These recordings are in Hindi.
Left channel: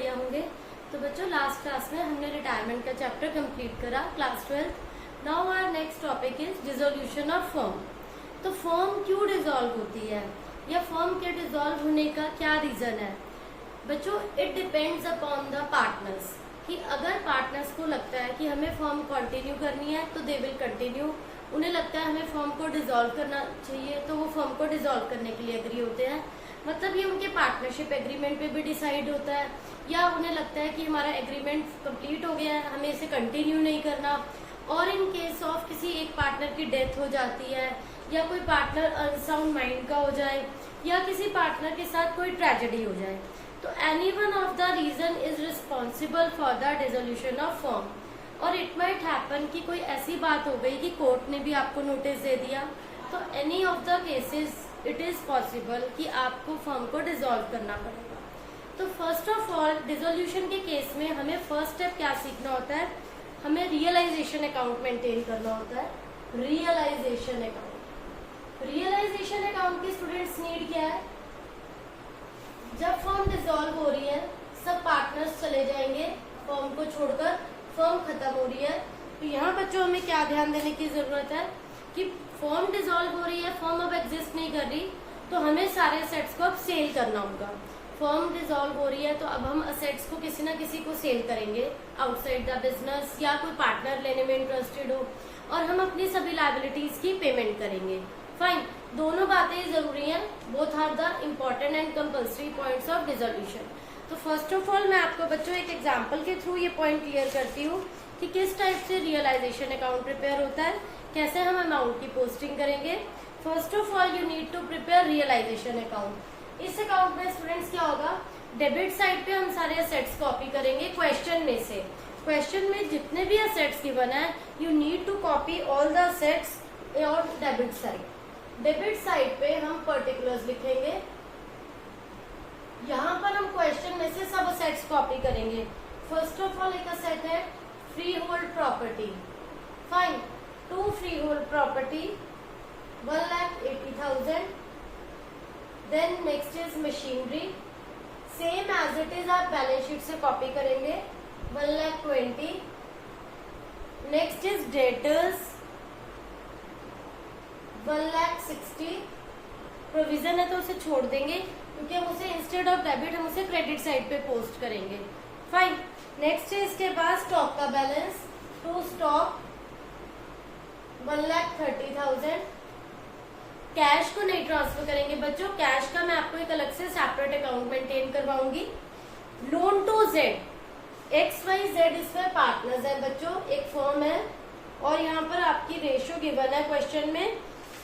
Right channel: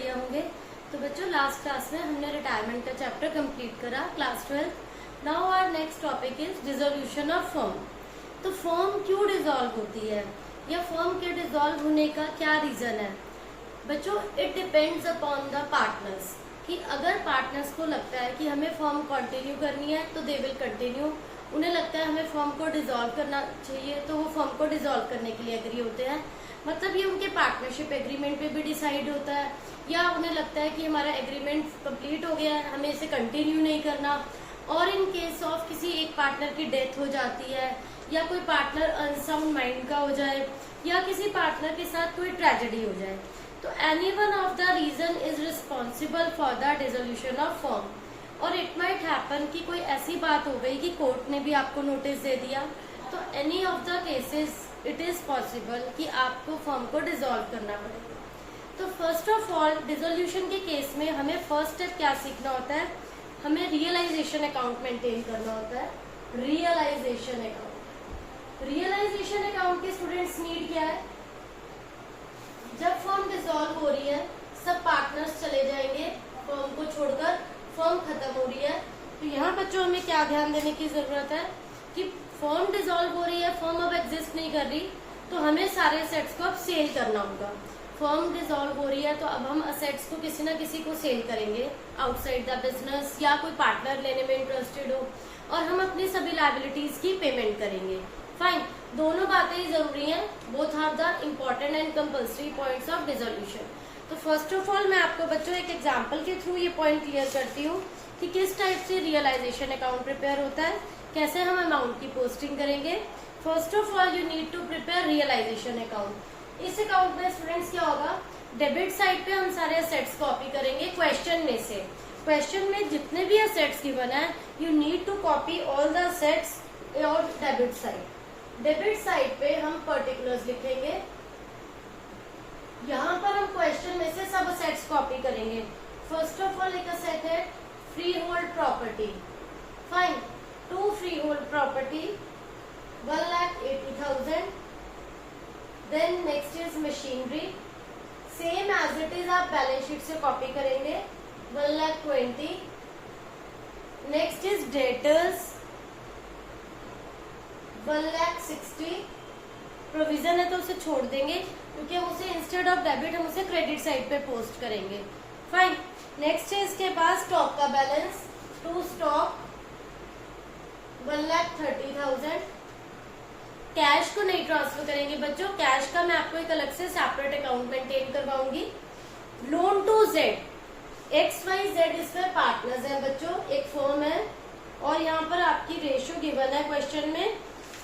बढ़िया होंगे। तो बच्चों लास्ट क्लास में हमने रिटायरमेंट का चैप्टर कंप्लीट करा, class 12। Now our next topic is dissolution of firm. तो फर्म क्यों डिसॉल्व होती है या फर्म के डिसॉल्व होने का क्या रीजन है बच्चों? It depends upon the partners, कि अगर पार्टनर्स को लगता है कि हमें फर्म कंटिन्यू करनी है तो दे विल कंटिन्यू। उन्हें लगता है हमें फर्म को डिसॉल्व करना चाहिए तो वो फर्म को डिसॉल्व करने के लिए एग्री होते हैं। मतलब ये उनके पार्टनरशिप एग्रीमेंट पे भी डिसाइड होता है, या उन्हें लगता है कि हमारा एग्रीमेंट कंप्लीट हो गया है, हमें इसे कंटिन्यू नहीं करना। और इन केस ऑफ किसी एक पार्टनर की डेथ हो जाती है, या कोई पार्टनर अनसाउंड माइंड का हो जाए, या किसी पार्टनर के साथ कोई ट्रेजेडी हो जाए, तो any one of the reason is responsible for the dissolution of firm. और इट माइट हैपन कि कोई ऐसी बात हो गई कि कोर्ट ने भी आपको नोटिस दे दिया, तो any of the cases it is possible कि आपको फर्म को डिसॉल्व करना पड़ेगा। तो फर्स्ट ऑफ ऑल डिसोल्यूशन के केस में हमें फर्स्ट स्टेप क्या सीखना होता है? हमें रियलाइजेशन अकाउंट मेंटेन करना होता है। रियलाइजेशन अकाउंट, रियलाइजेशन अकाउंट के स्टूडेंट्स नीड क्या है? जब फर्म डिसॉल्व हो रही है, सब पार्टनर्स चले जाएंगे फर्म को छोड़कर, फर्म खत्म हो रही है, तो यहाँ बच्चों हमें क्या ध्यान देने की जरूरत है कि फर्म डिसॉल्व हो रही है, फर्म अब एग्जिस्ट नहीं कर रही, तो हमें सारे असेट्स को अब सेल करना होगा। फर्म डिसॉल्व हो रही है तो अब हम असेट्स को किसी ना किसी को सेल करेंगे आउटसाइड द बिजनेस, या कोई पार्टनर लेने में इंटरेस्टेड हो, और हम अपनी सभी लायबिलिटीज की पेमेंट करेंगे। फाइन, दोनों बातें ही जरूरी हैं, both are the important and compulsory points of dissolution. तो फर्स्ट ऑफ ऑल मैं आपको बच्चों एक एग्जांपल के थ्रू ये पॉइंट क्लियर करती हूँ कि किस टाइप से रियलाइजेशन अकाउंट प्रिपेयर होता है, कैसे हम अमाउंट की पोस्टिंग करेंगे। First of all you need to prepare realization account. इस अकाउंट में स्टूडेंट्स क्या होगा, डेबिट साइड पे हम सारे असेट्स कॉपी करेंगे क्वेश्चन में से। क्वेश्चन में जितने भी असेट्स गिवन है you need to copy all the assets और डेबिट साइड। डेबिट साइड पे हम पर्टिकुलर्स लिखेंगे, यहाँ पर हम क्वेश्चन में से सब असेट्स कॉपी करेंगे। फर्स्ट ऑफ ऑल एक असेट है freehold property. Fine, to freehold property 1,80,000। Then next is machinery, same as it is आप बैलेंस शीट से कॉपी करेंगे 1,20,000। Next is debtors 1,60,000। प्रोविजन है तो उसे छोड़ देंगे क्योंकि हम उसे इंस्टेड ऑफ डेबिट हम उसे क्रेडिट साइड पे पोस्ट करेंगे। फाइन, नेक्स्ट है इसके पास स्टॉक का बैलेंस, टू स्टॉक 1,30,000। कैश को नहीं ट्रांसफर करेंगे बच्चों, कैश का मैं आपको एक अलग से सेपरेट अकाउंट मेंटेन करवाऊंगी। लोन टू जेड, XYZ इसमें पार्टनर्स है बच्चों, एक फर्म है और यहाँ पर आपकी रेशियो गिवन है क्वेश्चन में,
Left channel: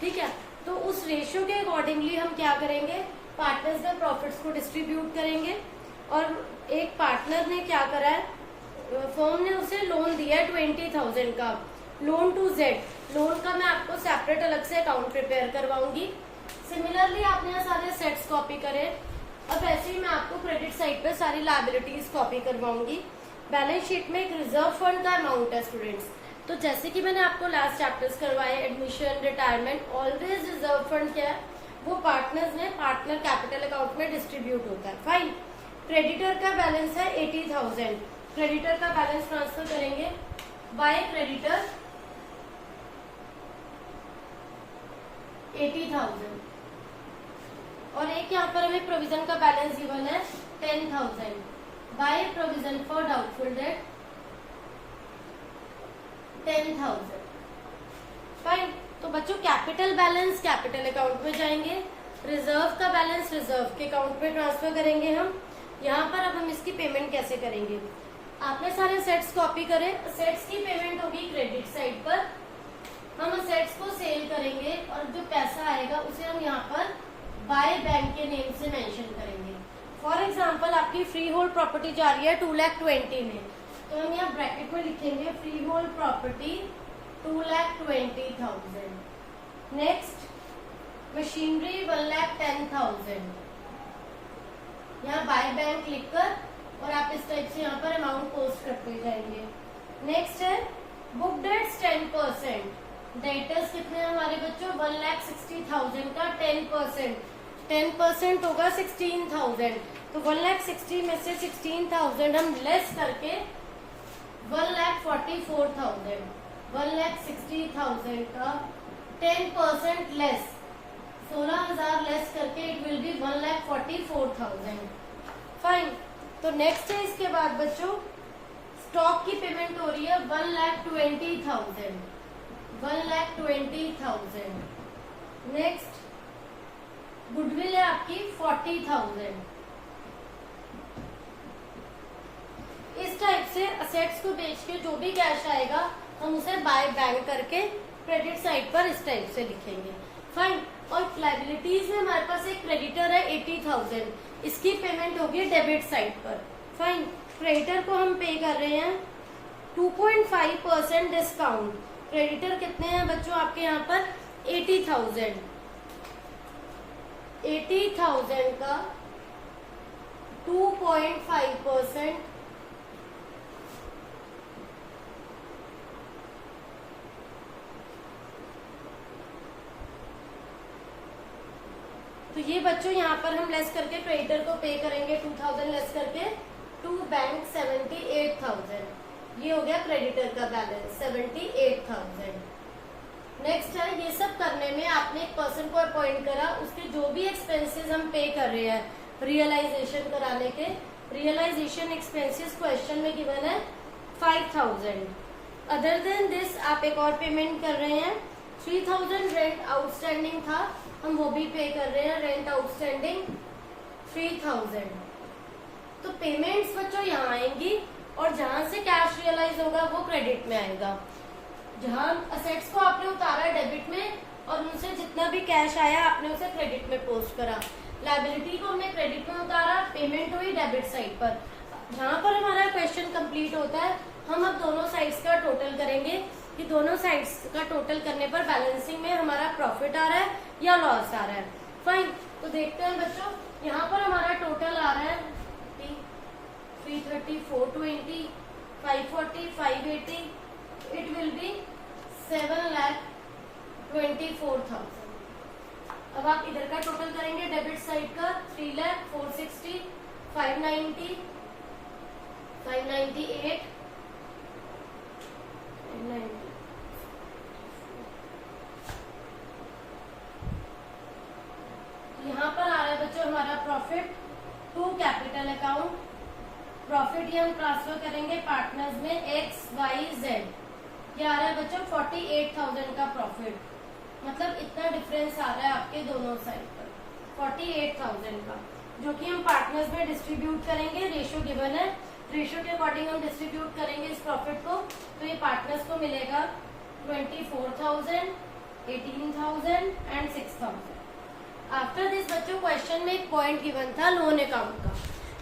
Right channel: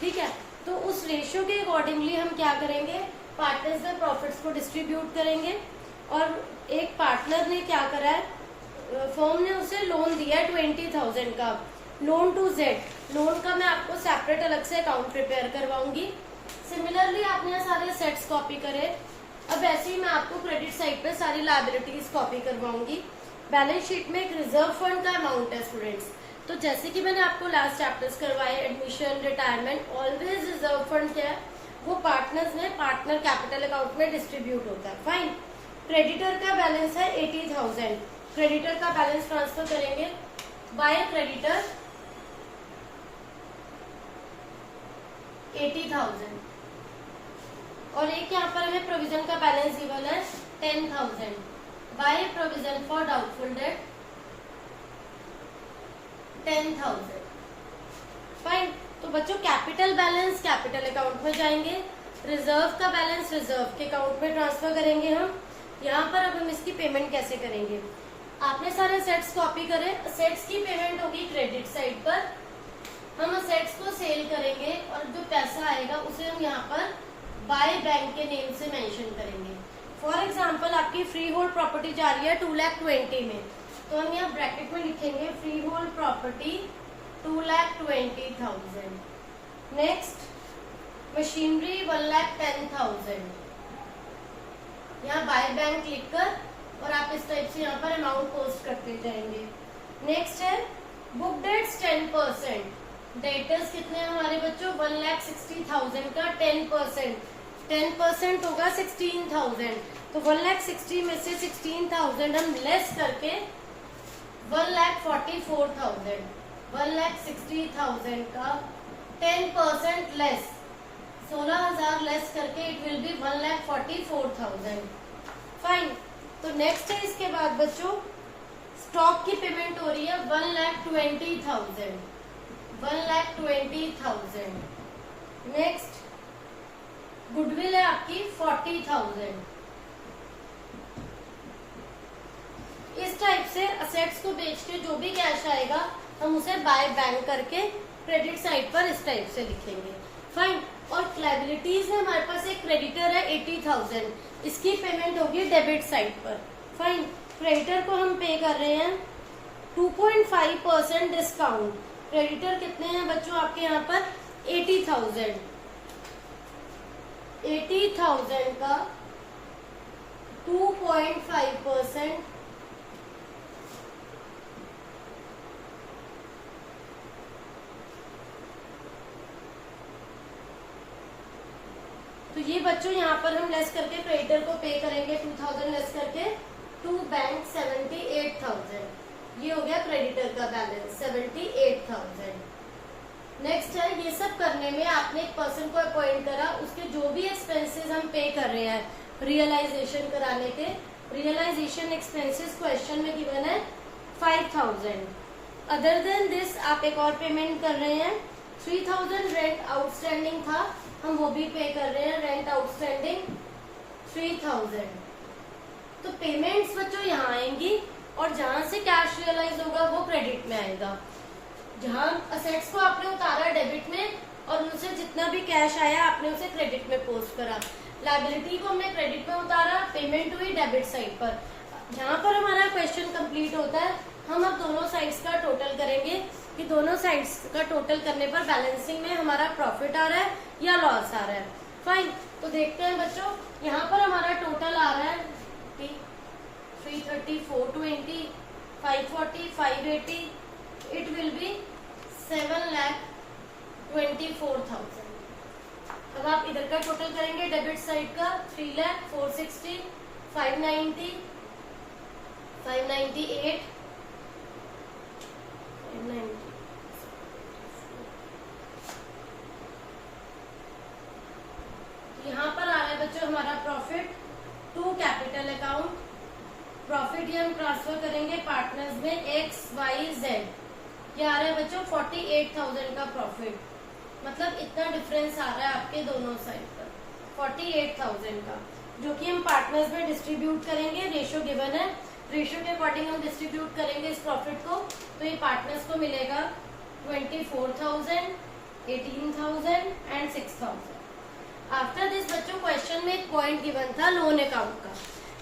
ठीक है। तो उस रेशियो के अकॉर्डिंगली हम क्या करेंगे, पार्टनर्स में प्रॉफिट्स को डिस्ट्रीब्यूट करेंगे। और एक पार्टनर ने क्या करा है, फर्म ने उसे लोन दिया है 20,000 का, लोन टू जेड। लोन का मैं आपको सेपरेट अलग से अकाउंट प्रिपेयर करवाऊंगी। सिमिलरली आपने यहाँ सारे सेट्स कॉपी करे, अब ऐसे ही मैं आपको क्रेडिट साइड पे सारी लायबिलिटीज कॉपी करवाऊंगी। बैलेंस शीट में एक रिजर्व फंड का अमाउंट है स्टूडेंट्स, तो जैसे कि मैंने आपको लास्ट चैप्टर्स करवाए admission, retirement, always reserve fund क्या है, वो पार्टनर्स ने पार्टनर कैपिटल अकाउंट में डिस्ट्रीब्यूट होता है। फाइन, क्रेडिटर का बैलेंस है 80,000, क्रेडिटर का बैलेंस ट्रांसफर करेंगे बाय क्रेडिटर 80,000। और एक यहाँ पर हमें प्रोविजन का बैलेंस गिवन है 10,000 by provision for doubtful debt 10,000। Fine, तो बच्चों कैपिटल बैलेंस कैपिटल अकाउंट में जाएंगे, रिजर्व का बैलेंस रिजर्व के अकाउंट में ट्रांसफर करेंगे हम। यहाँ पर अब हम इसकी पेमेंट कैसे करेंगे, आपने सारे सेट्स कॉपी करे, सेट्स की पेमेंट होगी क्रेडिट साइड पर, हम असेट्स को सेल करेंगे और जो पैसा आएगा उसे हम यहाँ पर बाय बैंक के नेम से मेंशन करेंगे। फॉर एग्जांपल आपकी फ्री होल्ड प्रॉपर्टी जा रही है 2,20,000 में, तो हम यहाँ ब्रैकेट में लिखेंगे free hold property 2,20,000। Next machinery 1,10,000, यहाँ बाय बैंक लिखकर और आप इस टाइप से यहाँ पर अमाउंट पोस्ट करते जाएंगे। नेक्स्ट है बुक डेट्स 10%, डेटर्स कितने हैं हमारे बच्चों 1,60,000 का 10%, 10% होगा 16,000, तो 1,60,000 में से 16,000 हम लेस करके 1,44,000, 1,60,000 का 10% लेस, 16,000 लेस करके इट विल बी 1,44,000। फाइन। तो नेक्स्ट है इसके बाद बच्चों स्टॉक की पेमेंट हो रही है 1,20,000, 1,20,000। नेक्स्ट गुडविल है आपकी 40,000। इस टाइप से असेट्स को बेच के जो भी कैश आएगा हम उसे बाय बैंक करके क्रेडिट साइड पर इस टाइप से लिखेंगे। फाइन। और लाइबिलिटीज में हमारे पास एक क्रेडिटर है 80,000, इसकी पेमेंट होगी डेबिट साइड पर। फाइन। क्रेडिटर को हम पे कर रहे हैं 2.5% डिस्काउंट। क्रेडिटर कितने हैं बच्चों आपके यहाँ पर 80,000, 80,000 का 2.5%, तो ये बच्चों यहाँ पर हम लेस करके क्रेडिटर को पे करेंगे 2,000 लेस करके टू बैंक 78,000। ये हो गया क्रेडिटर का बैलेंस 78,000। नेक्स्ट है ये सब करने में आपने एक पर्सन को अपॉइंट करा, उसके जो भी एक्सपेंसेस हम पे कर रहे हैं रियलाइजेशन कराने के, रियलाइजेशन एक्सपेंसेस क्वेश्चन में गिवन है 5,000। अदर देन दिस आप एक और पेमेंट कर रहे हैं 3,000 रेंट आउटस्टैंडिंग था, हम वो भी पे कर रहे हैं रेंट आउटस्टैंडिंग 3,000। तो पेमेंट्स बच्चों यहाँ आएंगी और जहां से कैश रियलाइज होगा वो क्रेडिट में आएगा। जहां असेट्स को आपने उतारा डेबिट में और उनसे जितना भी कैश आया आपने उसे क्रेडिट में पोस्ट करा। लायबिलिटी को हमने क्रेडिट में उतारा, पेमेंट हुई डेबिट साइड पर। जहां पर हमारा क्वेश्चन कंप्लीट होता है हम अब दोनों साइड्स का टोटल करेंगे कि दोनों साइड्स का टोटल करने पर बैलेंसिंग में हमारा प्रॉफिट आ रहा है या लॉस आ रहा है। फाइन। तो देखते हैं बच्चों यहाँ पर हमारा टोटल आ रहा है 330, 420, 540, 580, इट विल बी 7,24,000। अब आप इधर का टोटल करेंगे डेबिट साइड का 3,460, 590, 598, 590। यहाँ पर आ रहा है बच्चों हमारा profit to capital account. Profit ये हम ट्रांसफर करेंगे पार्टनर्स में XYZ। ये आ रहा है बच्चों 48,000 का प्रॉफिट, मतलब इतना डिफरेंस आ रहा है आपके दोनों साइड पर 48,000 का, जो कि हम पार्टनर्स में डिस्ट्रीब्यूट करेंगे। रेशियो गिवन है, रेशियो के अकॉर्डिंग हम डिस्ट्रीब्यूट करेंगे इस प्रॉफिट को। तो ये पार्टनर्स को मिलेगा 24,000, 18,000 एंड 6,000। आफ्टर दिस बच्चों क्वेश्चन में एक पॉइंट गिवन था लोन अकाउंट का।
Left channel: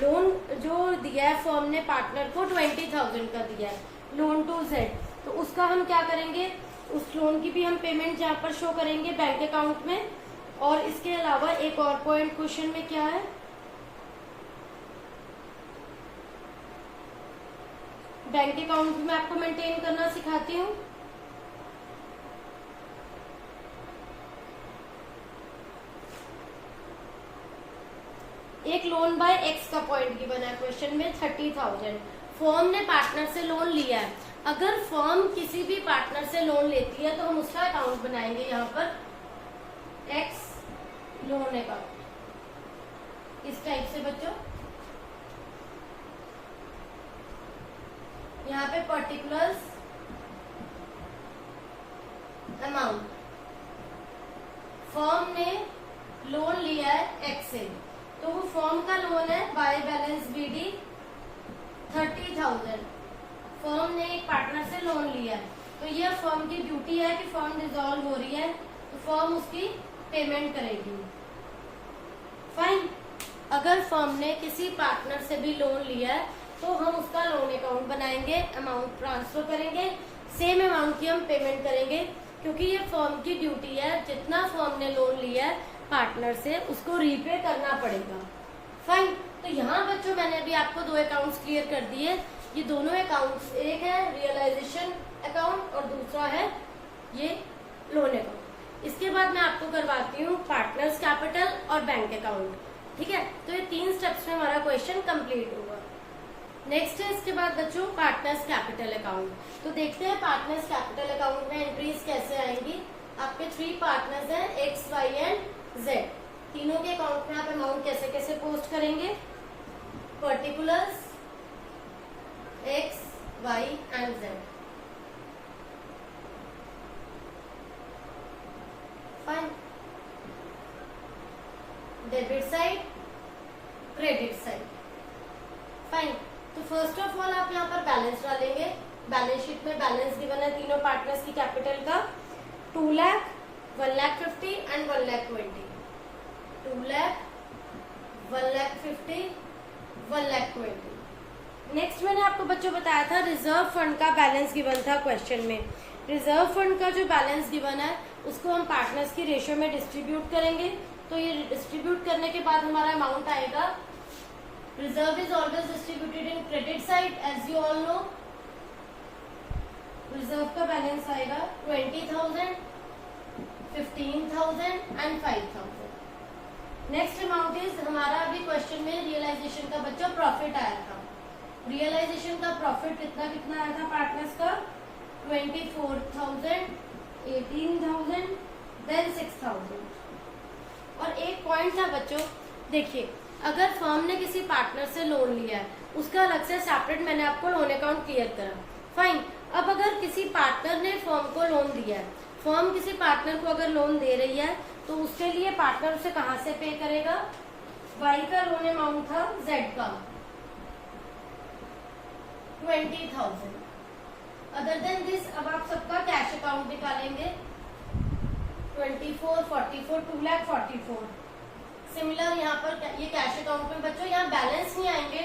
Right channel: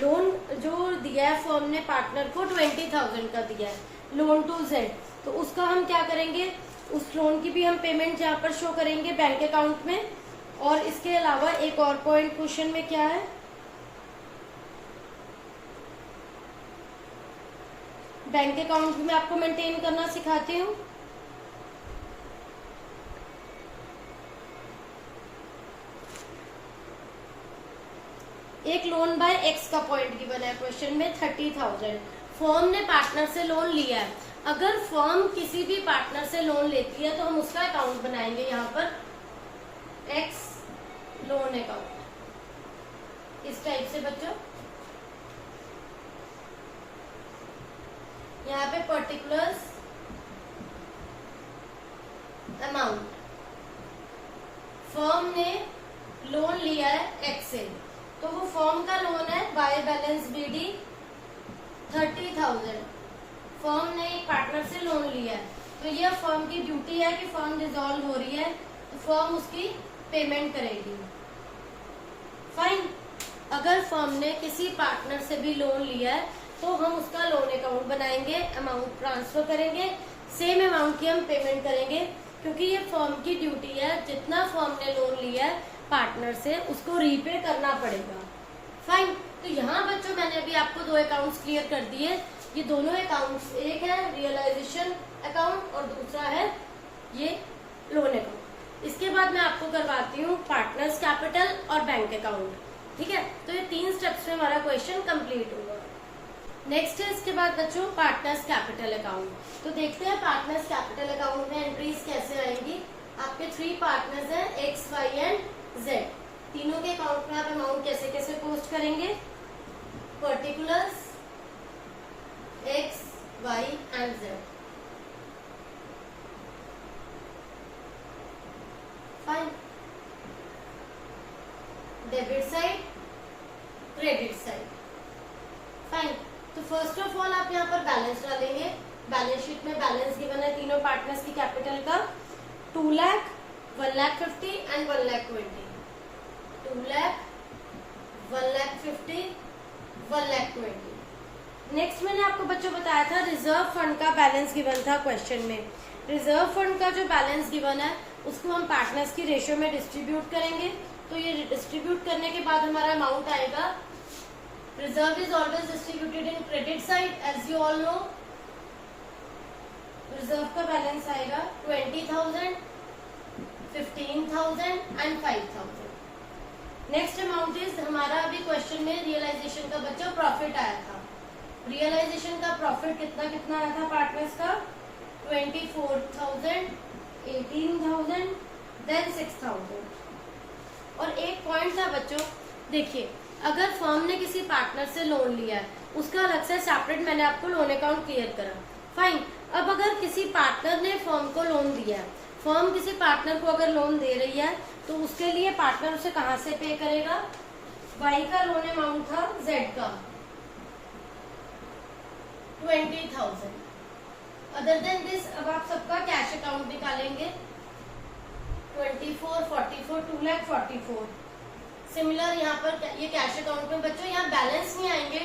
लोन जो दिया है फर्म ने पार्टनर को 20,000 का दिया है लोन टू Z, तो उसका हम क्या करेंगे, उस लोन की भी हम पेमेंट यहाँ पर शो करेंगे बैंक अकाउंट में। और इसके अलावा एक और पॉइंट क्वेश्चन में क्या है, बैंक अकाउंट भी मैं आपको मेंटेन करना सिखाती हूँ। एक लोन बाय X का पॉइंट गिवन है क्वेश्चन में 30,000। फर्म ने पार्टनर से लोन लिया है। अगर फर्म किसी भी पार्टनर से लोन लेती है तो हम उसका अकाउंट बनाएंगे यहाँ पर X लोन अकाउंट इस टाइप से बच्चों। यहाँ पे पर्टिकुलर्स अमाउंट, फर्म ने लोन लिया है X से, तो वो फर्म का लोन है बाय बैलेंस BD 30,000। फर्म ने एक पार्टनर से लोन लिया है, तो ये फर्म की ड्यूटी है कि फर्म डिसॉल्व हो रही है तो फर्म उसकी पेमेंट करेगी। फाइन। अगर फर्म ने किसी पार्टनर से भी लोन लिया है तो हम उसका लोन अकाउंट बनाएंगे, अमाउंट ट्रांसफर करेंगे, सेम अमाउंट की हम पेमेंट करेंगे, क्योंकि ये फर्म की ड्यूटी है जितना फर्म ने लोन लिया है पार्टनर से उसको रीपे करना पड़ेगा। फाइन। तो यहाँ बच्चों मैंने अभी आपको दो अकाउंट्स क्लियर कर दिए। ये दोनों अकाउंट्स, एक है रियलाइजेशन अकाउंट और दूसरा है ये लोन अकाउंट। इसके बाद मैं आपको करवाती हूँ पार्टनर्स कैपिटल और बैंक अकाउंट। ठीक है, तो ये 3 स्टेप्स में हमारा क्वेश्चन कंप्लीट होगा। नेक्स्ट है इसके बाद बच्चों पार्टनर्स कैपिटल अकाउंट। तो देखते हैं पार्टनर्स कैपिटल अकाउंट में एंट्रीज कैसे आएंगी। आपके 3 पार्टनर्स हैं एक्स, वाई एंड जेड। तीनों के अकाउंट में आप अमाउंट कैसे कैसे पोस्ट करेंगे। Particulars X, Y and Z. Fine. Debit side, credit side. Fine. तो फर्स्ट ऑफ ऑल आप यहाँ पर बैलेंस डालेंगे। बैलेंस शीट में बैलेंस गिवन है तीनों पार्टनर्स की कैपिटल का 2 लाख, 1,50,000 एंड 1,20,000। 2 लाख, 1,50,000, 1,20,000। नेक्स्ट मैंने आपको बच्चों बताया था रिजर्व फंड का बैलेंस गिवन था क्वेश्चन में। रिजर्व फंड का जो बैलेंस गिवन है उसको हम पार्टनर्स की रेशियो में डिस्ट्रीब्यूट करेंगे। तो ये डिस्ट्रीब्यूट करने के बाद हमारा अमाउंट आएगा। Reserve is always distributed in credit side as you all know. Reserve का बैलेंस आएगा 20,000, 15,000 एंड 5,000। नेक्स्ट अमाउंट इज हमारा अभी क्वेश्चन में रियलाइजेशन का बच्चों प्रॉफिट आया था। रियलाइजेशन का प्रॉफिट कितना कितना आया था पार्टनर्स का 24,000, 18,000, देन 6,000। और एक पॉइंट था बच्चों, देखिए अगर फर्म ने किसी पार्टनर से लोन लिया है उसका अलग से सेपरेट मैंने आपको लोन अकाउंट क्लियर करा। फाइन। अब अगर किसी पार्टनर ने फर्म को लोन दिया है, फर्म किसी पार्टनर को अगर लोन दे रही है तो उसके लिए पार्टनर उसे कहाँ से पे करेगा। वाई का लोन अमाउंट था जेड का 20,000। अदर देन दिस अब आप सबका कैश अकाउंट निकालेंगे 24, 44, 2,44,000। सिमिलर यहाँ पर ये कैश अकाउंट में बच्चों यहाँ बैलेंस नहीं आएंगे।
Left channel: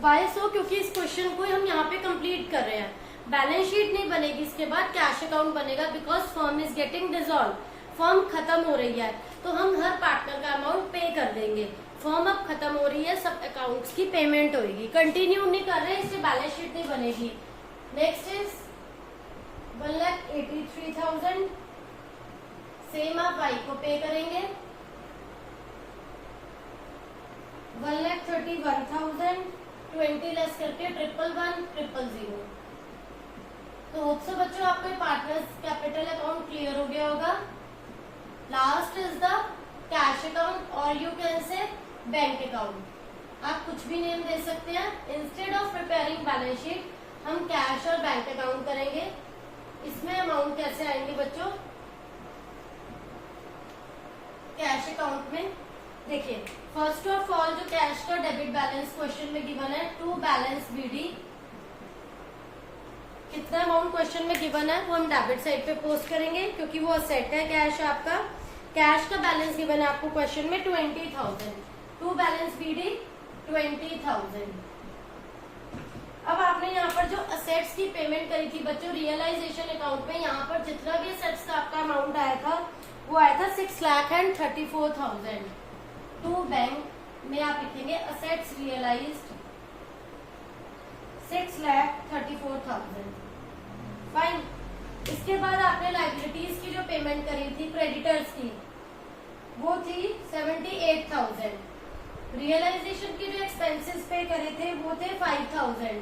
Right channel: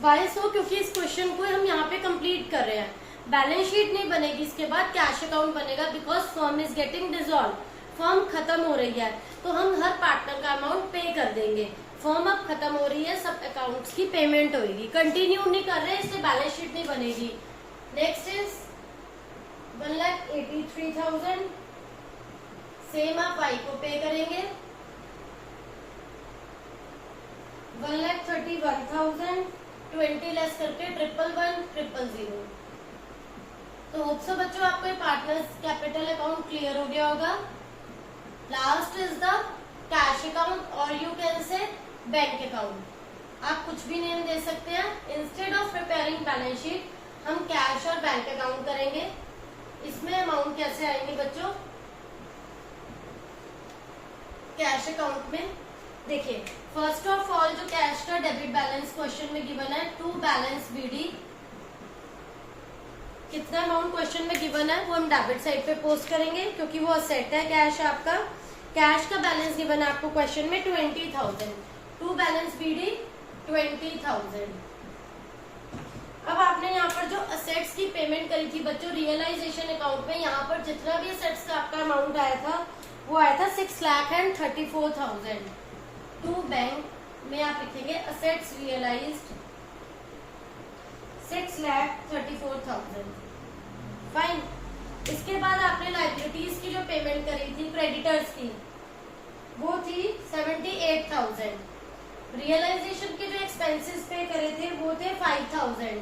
वाई सो क्योंकि इस क्वेश्चन को हम यहाँ पे कंप्लीट कर रहे हैं। बैलेंस शीट नहीं बनेगी, इसके बाद कैश अकाउंट बनेगा because firm is getting dissolve. Firm खत्म हो रही है तो हम हर पार्टनर का अमाउंट पे कर देंगे। फर्म अब खत्म हो रही है, सब अकाउंट्स की पेमेंट होगी। कंटिन्यू नहीं कर रहे इससे बैलेंस शीट नहीं बनेगी। Next is 1,83,000। सेम आप वाई को पे करेंगे 1,31,000। 20 लेस करके 1,1,1,000। तो होप सो बच्चों आपको पार्टनर्स कैपिटल अकाउंट क्लियर हो गया होगा। Last is the cash account और you can say bank account. आप कुछ भी नेम दे सकते हैं। Instead of preparing balance sheet हम कैश और बैंक अकाउंट करेंगे। इसमें अमाउंट कैसे आएंगे बच्चों। कैश अकाउंट में देखिए फर्स्ट ऑफ ऑल जो कैश का डेबिट बैलेंस क्वेश्चन में गिवन है टू बैलेंस बीडी। कितना अमाउंट क्वेश्चन में गिवन है वो हम डेबिट साइड पे पोस्ट करेंगे क्योंकि वो असेट है कैश आपका। कैश का बैलेंस गिवन है आपको क्वेश्चन में 20,000। To balance BD 20,000। अब आपने यहाँ पर जो असेट्स की पेमेंट करी थी बच्चों रियलाइजेशन अकाउंट में, यहाँ पर जितना भी असेट्स का आपका अमाउंट आया था वो आया था 6,34,000। टू बैंक में आप लिखेंगे असेट्स रियलाइज्ड 6,34,000। फाइन। इसके बाद आपने लाइबिलिटीज की जो पेमेंट करी थी क्रेडिटर्स की वो थी 78,000। रियलाइजेशन के जो एक्सपेंसेस पे करे थे वो थे 5,000।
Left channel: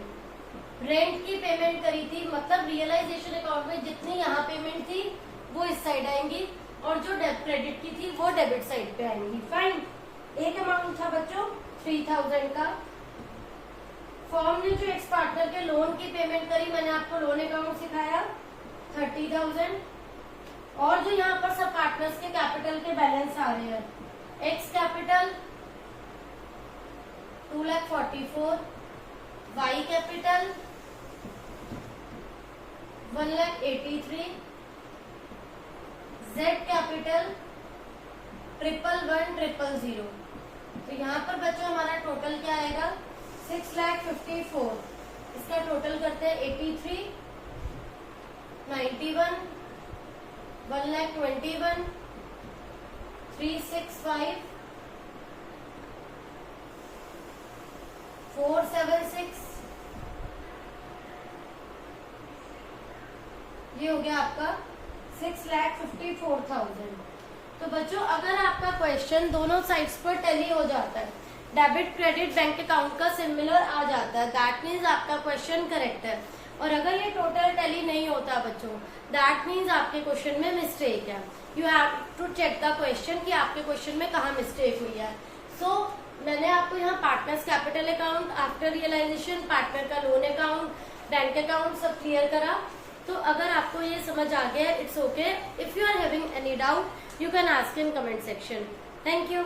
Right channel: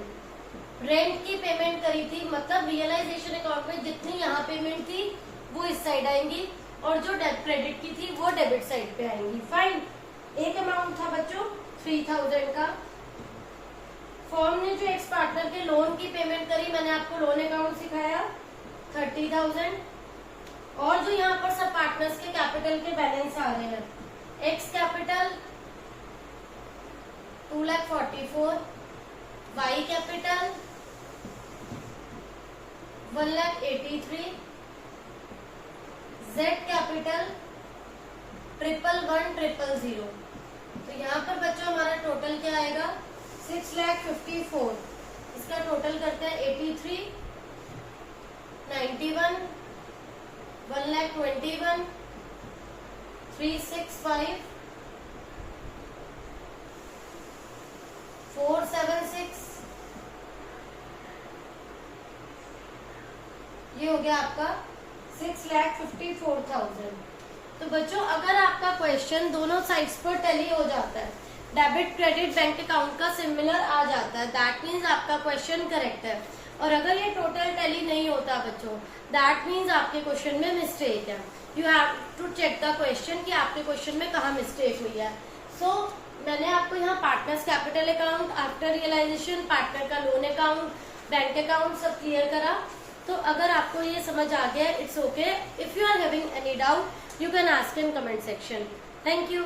रेंट की पेमेंट करी थी, मतलब रियलाइजेशन अकाउंट में जितनी यहाँ पेमेंट थी वो इस साइड आएंगी और जो क्रेडिट की थी वो डेबिट साइड पे आएंगी। फाइन। एक अमाउंट था बच्चों 3,000 का। फर्म ने जो एक्स पार्टनर के लोन की पेमेंट करी, मैंने आपको लोन अकाउंट सिखाया 30,000। और जो यहाँ पर सब पार्टनर्स के कैपिटल के बैलेंस आ रहे हैं, X capital 2,44,000, Y capital 1,83,000, Z capital 1,1,1,000। तो यहाँ पर बच्चों हमारा टोटल क्या आएगा 6,54,000। इसका टोटल करते हैं 83, 91, 1,21,000, 365, 476। ये हो गया आपका 6,54,000। तो बच्चों अगर आपका क्वेश्चन दोनों साइड्स पर टैली हो जाता है, डेबिट क्रेडिट बैंक अकाउंट का सिमिलर आ जाता है, दैट मीन्स आपका क्वेश्चन करेक्ट है। और अगर ये टोटल टैली नहीं होता बच्चों, दैट मीन्स आपके क्वेश्चन में मिस्टेक है। You have to check the question कि आपके क्वेश्चन में कहाँ मिस्टेक हुई है। सो मैंने आपको यहाँ partners capital account, after realization, partner का लोन अकाउंट, बैंक अकाउंट सब क्लियर करा। तो अगर आपको ये समझ आ गया, it's okay. If you are having any doubt, you can ask in comment section. Thank you.